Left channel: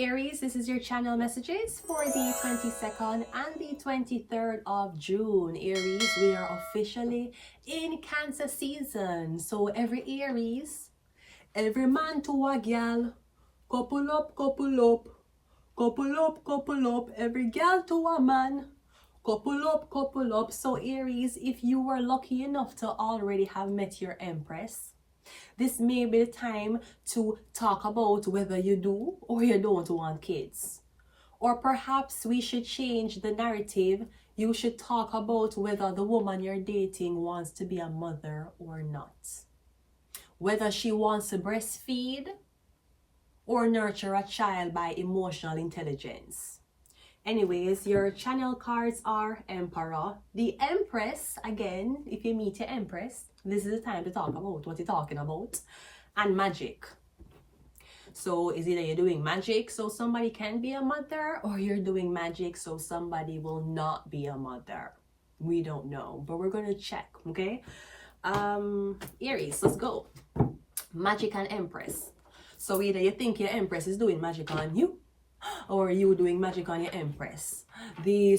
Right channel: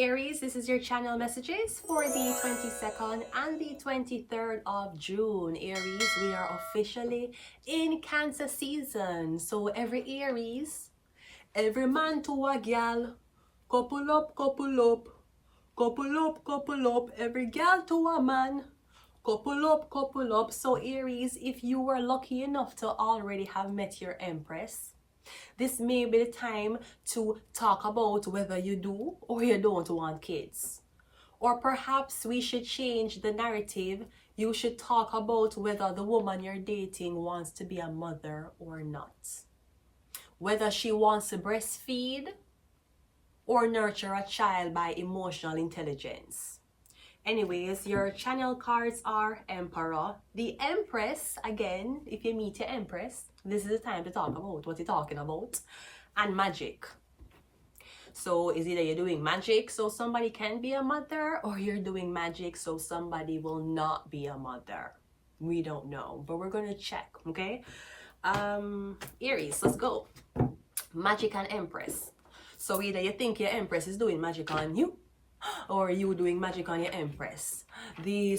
Aries, this is your channel messages for the 22nd and the 23rd of June. Aries, we are officially in Cancer season. So every Aries, every man to a gal, couple up, couple up, couple up, couple up, every gal to a man, couple up, couple up. So Aries, if you were lucky enough to already have met your Empress, this may be the time to talk about whether you do or you don't want kids. Or perhaps we should change the narrative. You should talk about whether the woman you're dating wants to be a mother or not. Whether she wants to breastfeed or nurture a child by emotional intelligence. Anyways, your channel cards are Emperor. The Empress, again, if you meet your Empress, this is the time to talk about what you're talking about. And magic. So it's either you're doing magic so somebody can be a mother, or you're doing magic so somebody will not be a mother. We don't know, but we're going to check, okay? Aries, let's go. Magic and Empress. So either you think your Empress is doing magic on you, or you doing magic on your Empress.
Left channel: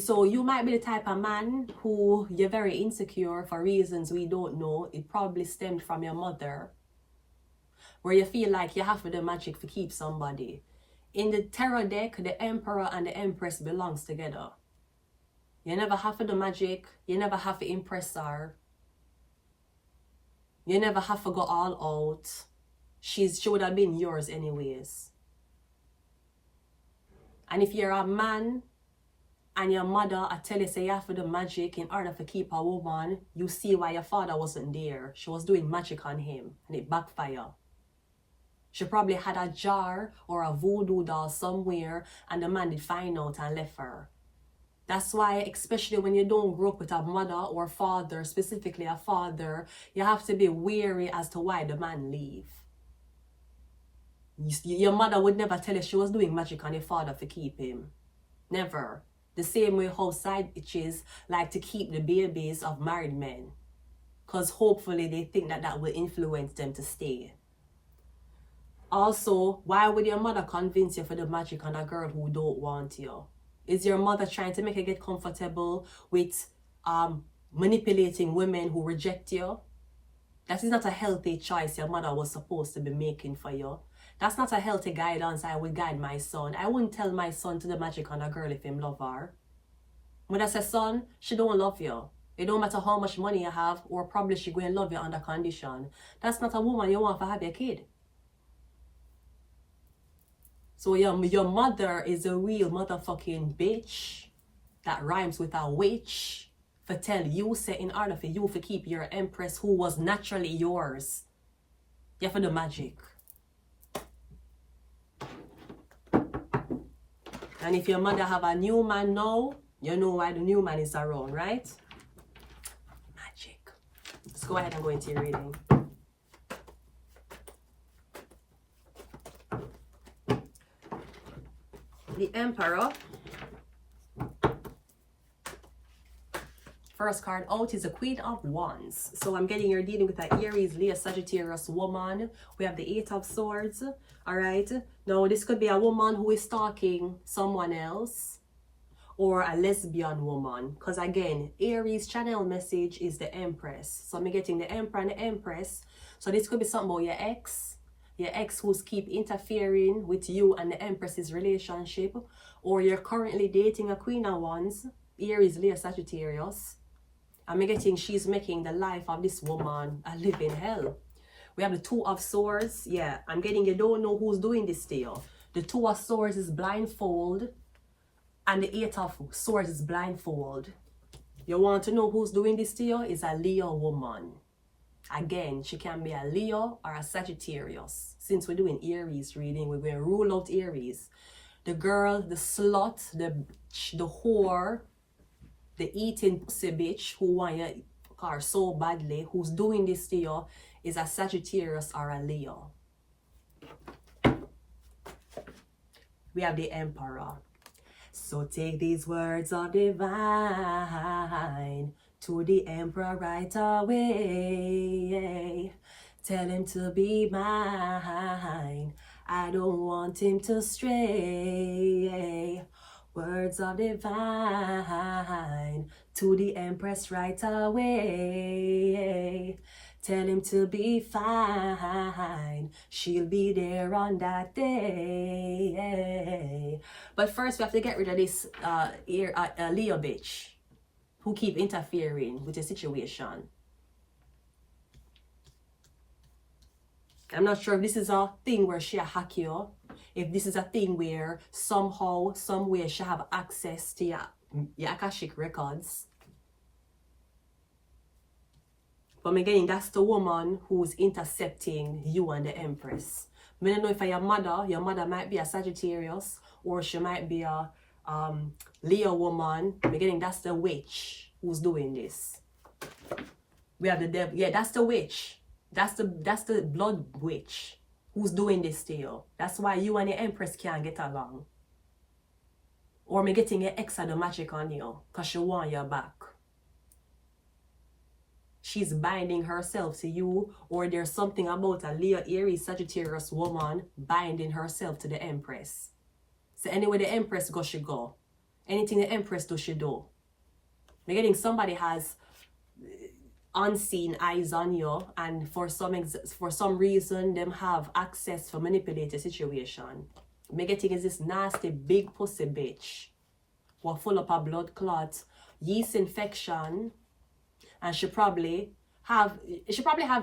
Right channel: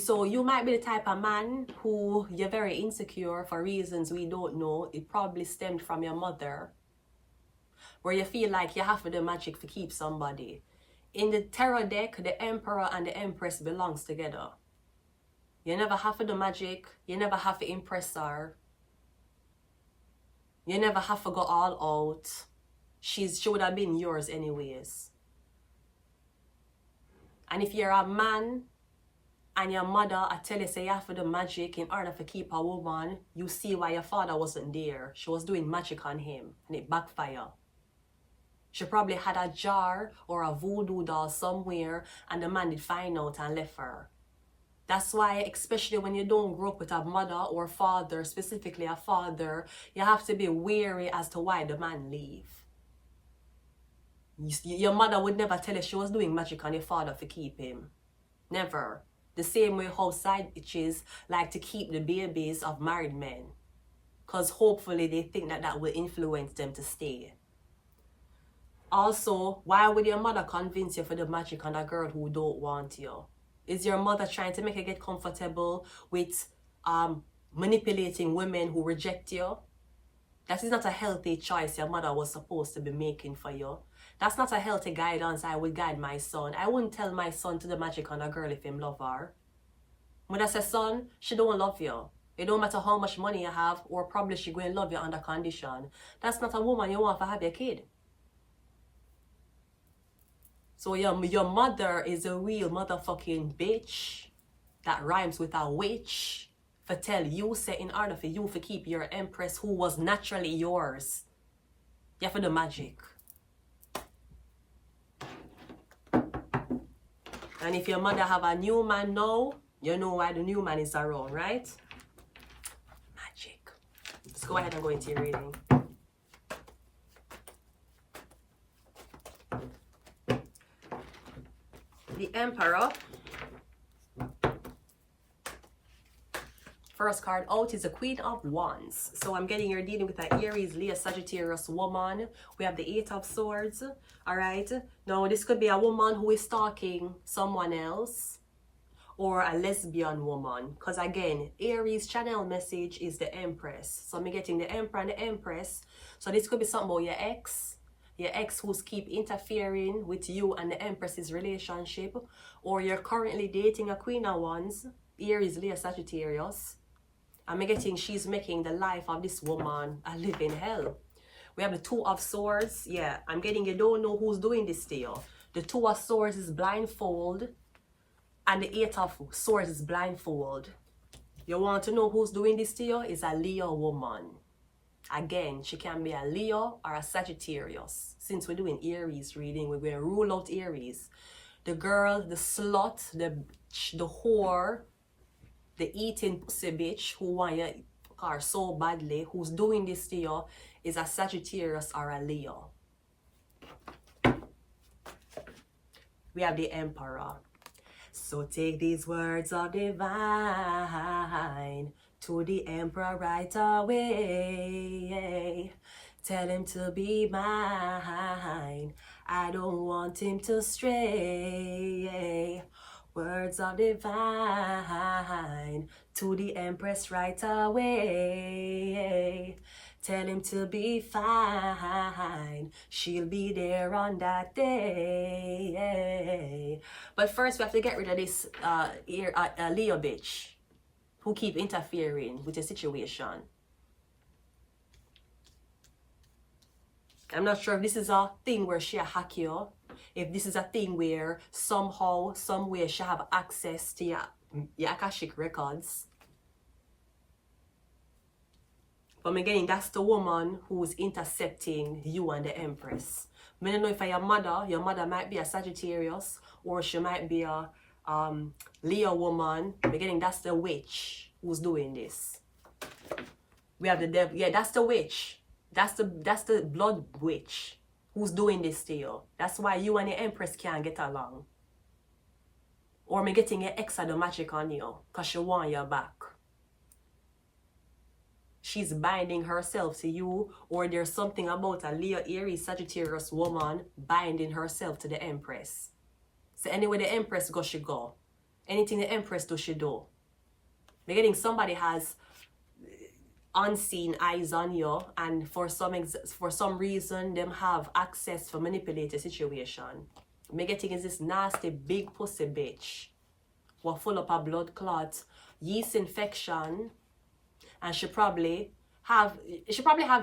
So you might be the type of man who you're very insecure for reasons we don't know. It probably stemmed from your mother, where you feel like you have to do magic to keep somebody. In the tarot deck, the Emperor and the Empress belongs together. You never have to do magic. You never have to impress her. You never have to go all out. She would have been yours anyways. And if you're a man and your mother, I tell you, say you have to do magic in order to keep a woman, you see why your father wasn't there. She was doing magic on him and it backfired. She probably had a jar or a voodoo doll somewhere and the man did find out and left her. That's why, especially when you don't grow up with a mother or father, specifically a father, you have to be wary as to why the man leave. Your mother would never tell you she was doing magic on your father to keep him. Never. The same way how side bitches like to keep the babies of married men. Because hopefully they think that that will influence them to stay. Also, why would your mother convince you for the magic on a girl who don't want you? Is your mother trying to make you get comfortable with manipulating women who reject you? That is not a healthy choice your mother was supposed to be making for you. That's not a healthy guidance I would guide my son. I wouldn't tell my son to do magic on a girl if him love her. When I say, son, she don't love you. It don't matter how much money you have, or probably she going to love you under condition. That's not a woman you want to have your kid. So your mother is a real motherfucking bitch that rhymes with a witch for tell you, say in order for you to keep your Empress who was naturally yours, you have to do magic. And if your mother have a new man now, you know why the new man is around, right? Magic. Let's go ahead and go into your reading. The Emperor. First card out is the Queen of Wands. So I'm getting you're dealing with an Aries, Leo, Sagittarius woman. We have the Eight of Swords. All right. Now this could be a woman who is stalking someone else, or a lesbian woman. Because again, Aries channel message is the Empress. So I'm getting the Emperor and the Empress. So this could be something about your ex who's keep interfering with you and the Empress's relationship, or you're currently dating a Queen of Wands, Aries, Leo, Sagittarius. I'm getting she's making the life of this woman a living hell. We have the Two of Swords. Yeah, I'm getting you don't know who's doing this to you. The Two of Swords is blindfold, and the Eight of Swords is blindfold. You want to know who's doing this to you? Is a Leo woman. Again, she can be a Leo or a Sagittarius. Since we're doing Aries reading, we're going to rule out Aries. The girl, the slut, the whore, the eating pussy bitch who want your car so badly, who's doing this to you, is a Sagittarius or a Leo. We have the Emperor. So take these words of divine to the Emperor right away. Tell him to be mine. I don't want him to stray. Words of divine to the Empress right away. Tell him to be fine. She'll be there on that day. But first we have to get rid of this Leo bitch who keep interfering with the situation. I'm not sure if this is a thing where she hack you. If this is a thing where somehow, some way she have access to your Akashic records. But again, that's the woman who's intercepting you and the Empress. I don't know if your mother might be a Sagittarius, or she might be a Leo woman. Again, that's the witch who's doing this. We have the devil. Yeah, that's the witch. That's the blood witch who's doing this to you. That's why you and the Empress can't get along. Or me getting your ex of the magic on you because she want your back. She's binding herself to you, or there's something about a Leo, Aries, Sagittarius woman binding herself to the Empress. So anyway the Empress go, she go. Anything the Empress do, she do. Me getting somebody has unseen eyes on you, and for some reason them have access to manipulate the situation. Me getting is this nasty big pussy bitch what full up a blood clot, yeast infection, and she probably have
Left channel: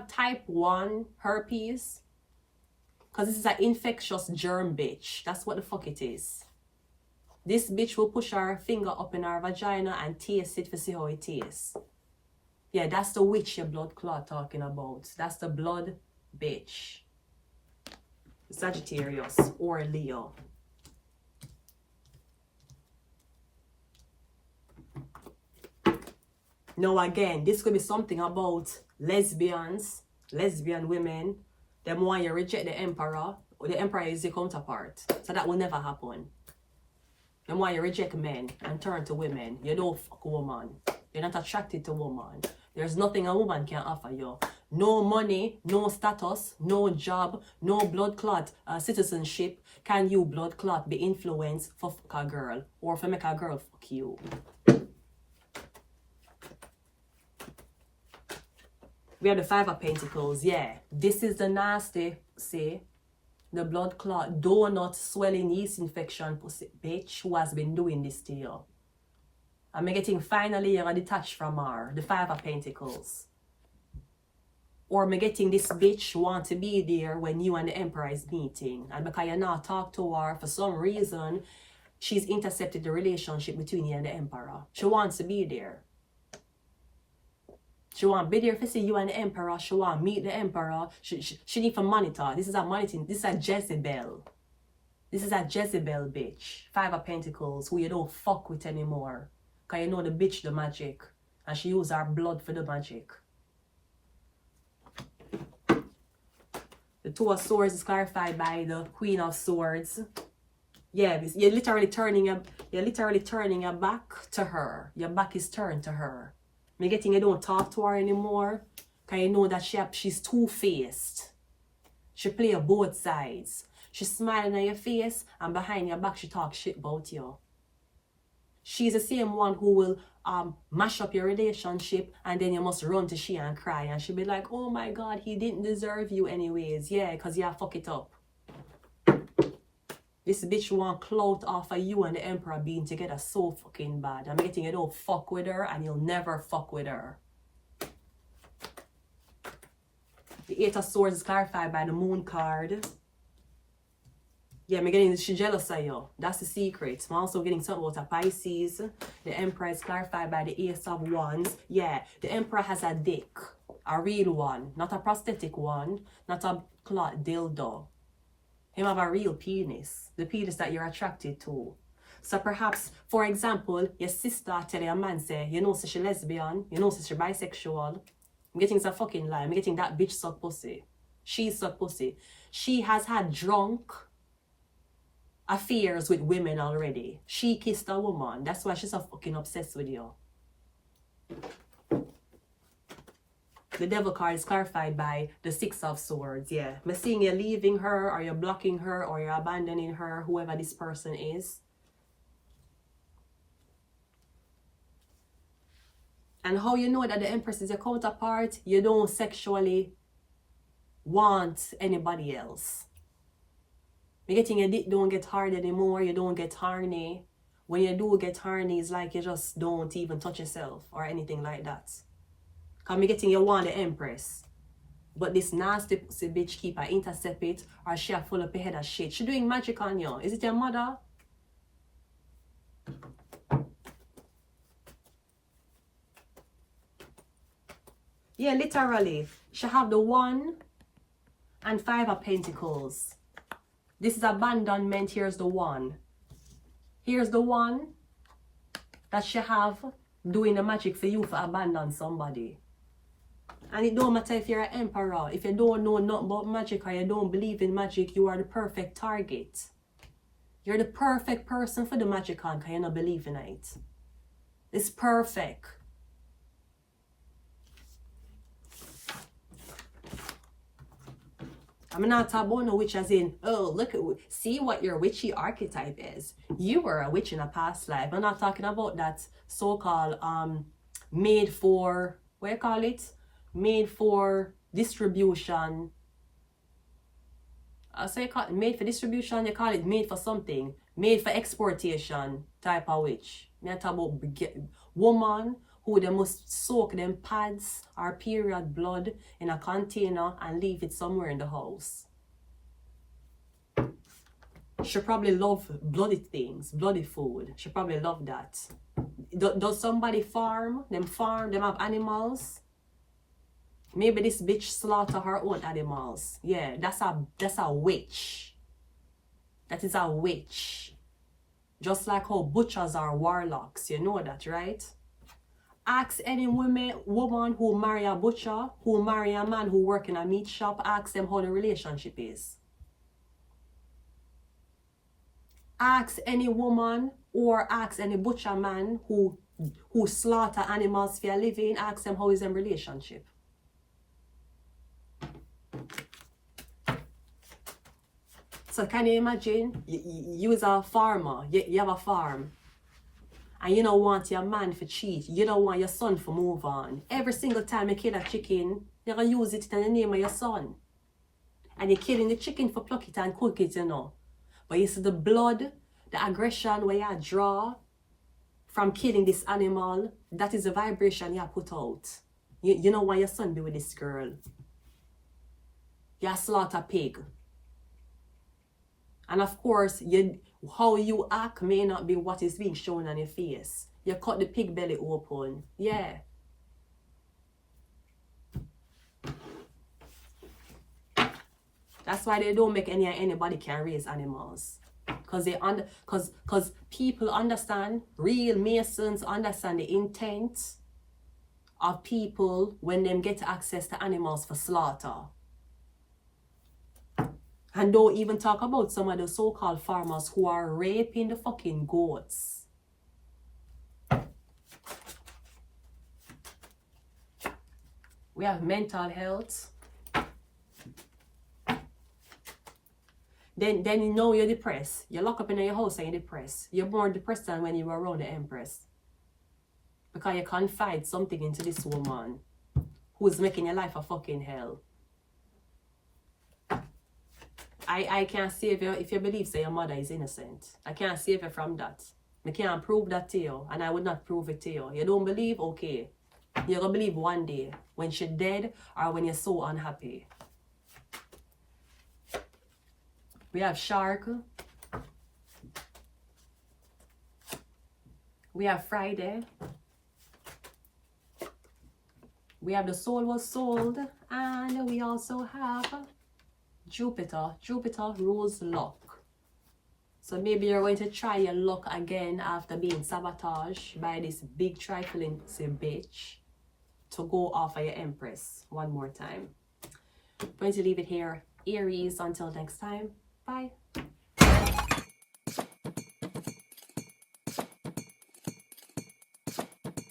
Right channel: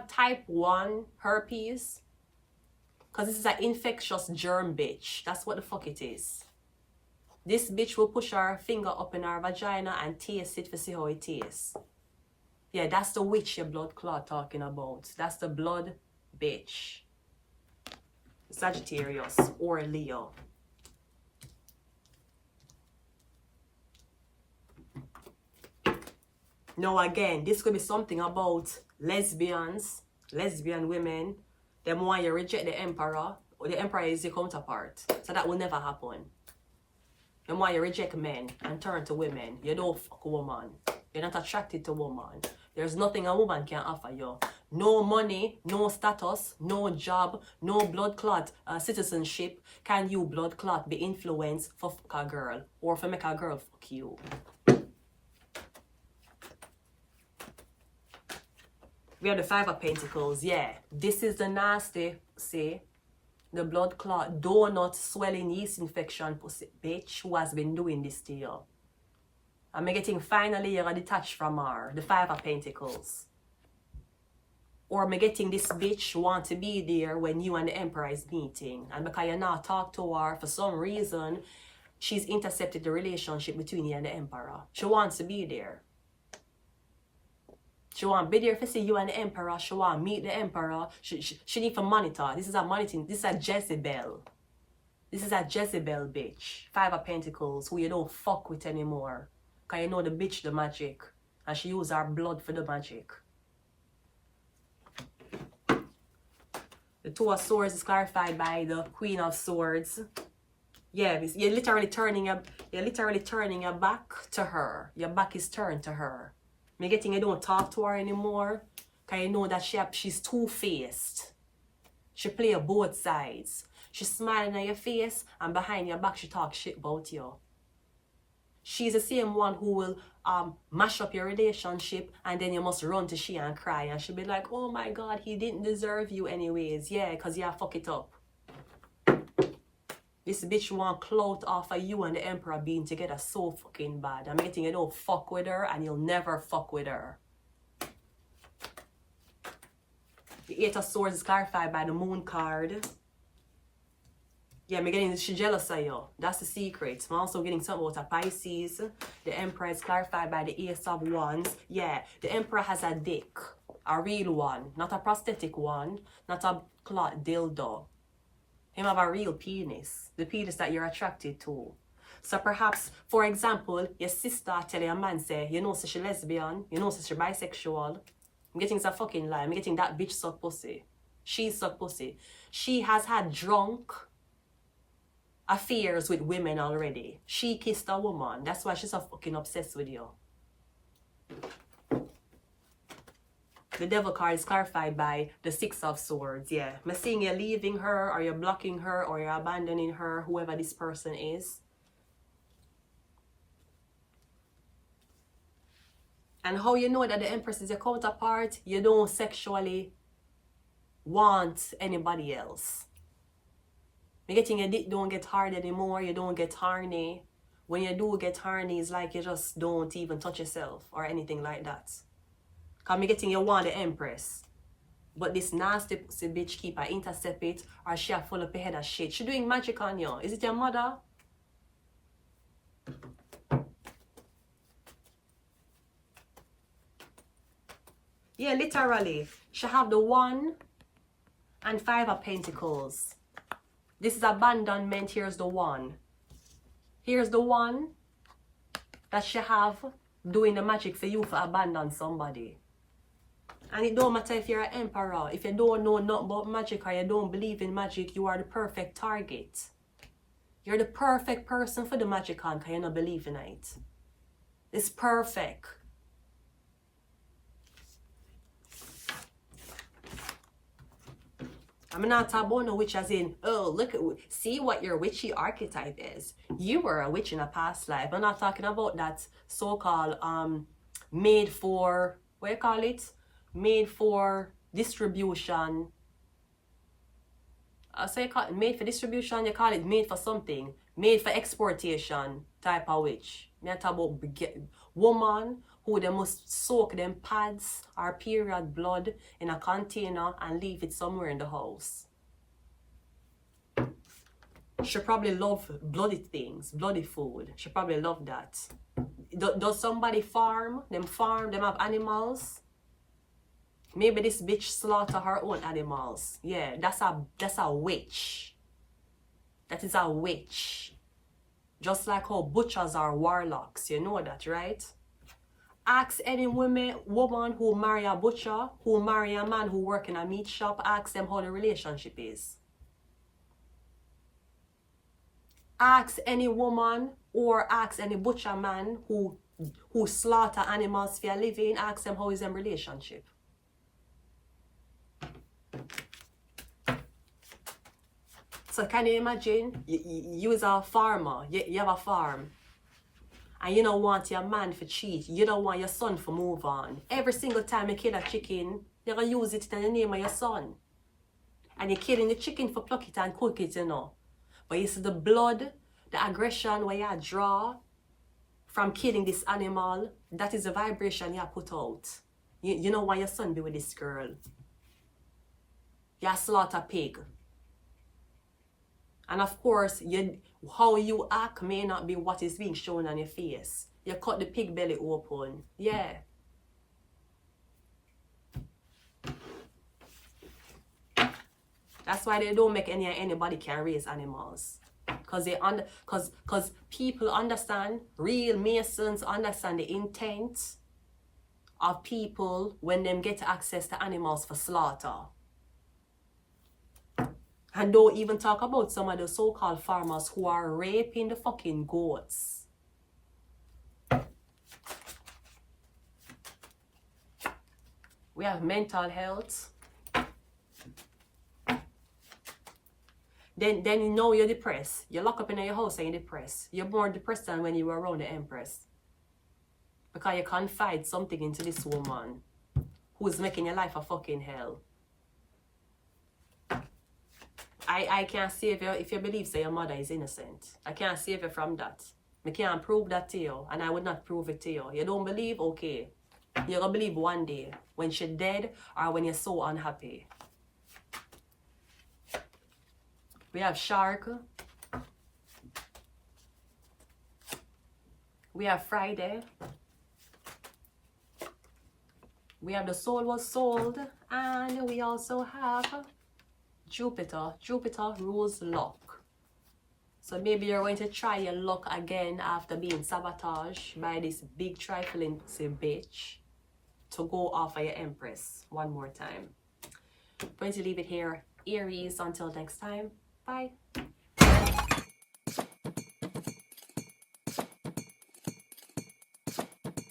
type 1 herpes, because this is an infectious germ bitch. That's what the fuck it is. This bitch will push her finger up in her vagina and taste it to see how it tastes. Yeah, that's the witch your blood clot talking about. That's the blood bitch. Sagittarius or Leo. Now again, this could be something about lesbian women. Them want you reject the emperor, or the emperor is your counterpart. So that will never happen. Them want you reject men and turn to women. You don't fuck a woman. You're not attracted to woman. There's nothing a woman can offer you. No money, no status, no job, no blood clot citizenship. Can you blood clot be influenced for fuck a girl, or for make a girl fuck you? We have the 5 of Pentacles. Yeah, this is the nasty, see, the blood clot, donut, swelling, yeast infection pussy bitch who has been doing this to you. I'm getting finally you're detached from her, the 5 of Pentacles. Or I'm getting this bitch want to be there when you and the Emperor is meeting, and because you not talk to her for some reason, she's intercepted the relationship between you and the Emperor. She wants to be there. She want to be there to see you and the Emperor. She want to meet the Emperor. She need to monitor. This is a monitoring. This is a Jezebel. This is a Jezebel bitch. 5 of Pentacles who you don't fuck with anymore. Because you know the bitch the magic. And she use her blood for the magic. The 2 of Swords is clarified by the Queen of Swords. Yeah, you're literally turning your back to her. Your back is turned to her. Me getting you don't talk to her anymore. Because you know that she's two-faced. She play both sides. She's smiling at your face, and behind your back she talks shit about you. She's the same one who will mash up your relationship, and then you must run to she and cry, and she'll be like, oh my god, he didn't deserve you anyways. Yeah, because you fuck it up. This bitch want clout off of you and the Emperor being together so fucking bad. I'm getting you don't fuck with her, and you'll never fuck with her. The 8 of Swords is clarified by the Moon card. Yeah, I'm getting she jealous of you. That's the secret. I'm also getting something about a Pisces. The Emperor is clarified by the Ace of Wands. Yeah, the Emperor has a dick. A real one. Not a prosthetic one. Not a clot dildo. Him have a real penis. The penis that you're attracted to. So perhaps, for example, your sister tell your man say, you know so she lesbian, you know so she bisexual. I'm getting it's a fucking lie. I'm getting that bitch suck pussy. She suck pussy. She has had drunk affairs with women already. She kissed a woman. That's why she's so fucking obsessed with you. The devil card is clarified by the Six of Swords. Yeah, I'm seeing you're leaving her, or you're blocking her, or you're abandoning her, whoever this person is. And how you know that the Empress is your counterpart? You don't sexually want anybody else. You're getting your dick don't get hard anymore. You don't get horny. When you do get horny, it's like you just don't even touch yourself or anything like that. Because you're getting you want the Empress. But this nasty pussy bitch keep her intercept it, or she a full up her head of shit. She doing magic on you. Is it your mother? Yeah, literally. She have the 1 and 5 of Pentacles. This is abandonment. Here's the 1. Here's the 1 that she have doing the magic for you for abandon somebody. And it don't matter if you're an emperor. If you don't know nothing about magic or you don't believe in magic, you are the perfect target. You're the perfect person for the magic on because you don't believe in it. It's perfect. I'm not talking about no witch as in, oh, look at, see what your witchy archetype is. You were a witch in a past life. I'm not talking about that so-called made for, what do you call it? Made for distribution. I'll say made for distribution, you call it made for something. Made for exportation type of witch. I'm not talking about woman who they must soak them pads or period blood in a container and leave it somewhere in the house. She probably love bloody things, bloody food. She probably love that. Does somebody farm? Them have animals? Maybe this bitch slaughter her own animals. Yeah, that's a witch. That is a witch. Just like how butchers are warlocks. You know that, right? Ask any woman who marry a butcher, who marry a man who work in a meat shop, ask them how the relationship is. Ask any woman or ask any butcher man who slaughter animals for a living, ask them how is their relationship. So can you imagine, you as a farmer, you have a farm. And you don't want your man to cheat. You don't want your son to move on. Every single time you kill a chicken, you're going to use it in the name of your son. And you're killing the chicken for pluck it and cook it, you know. But you see the blood, the aggression where you draw from killing this animal, that is the vibration you put out. You don't want your son to be with this girl. You slaughter pig. And of course, how you act may not be what is being shown on your face. You cut the pig belly open. Yeah. That's why they don't make anybody can raise animals. Because people understand, real Masons understand the intent of people when them get access to animals for slaughter. And don't even talk about some of the so-called farmers who are raping the fucking goats. We have mental health. Then you know you're depressed. You lock up in your house and you're depressed. You're more depressed than when you were around the Empress. Because you confide something into this woman who's making your life a fucking hell. I can't save you if you believe that your mother is innocent. I can't save you from that. I can't prove that to you, and I would not prove it to you. You don't believe? Okay. You're going to believe one day when she's dead or when you're so unhappy. We have Shark. We have Friday. We have The Soul Was Sold. And we also have Jupiter. Jupiter rules luck. So maybe you're going to try your luck again after being sabotaged by this big trifling bitch to go off of your Empress one more time. I'm going to leave it here, Aries. Until next time. Bye.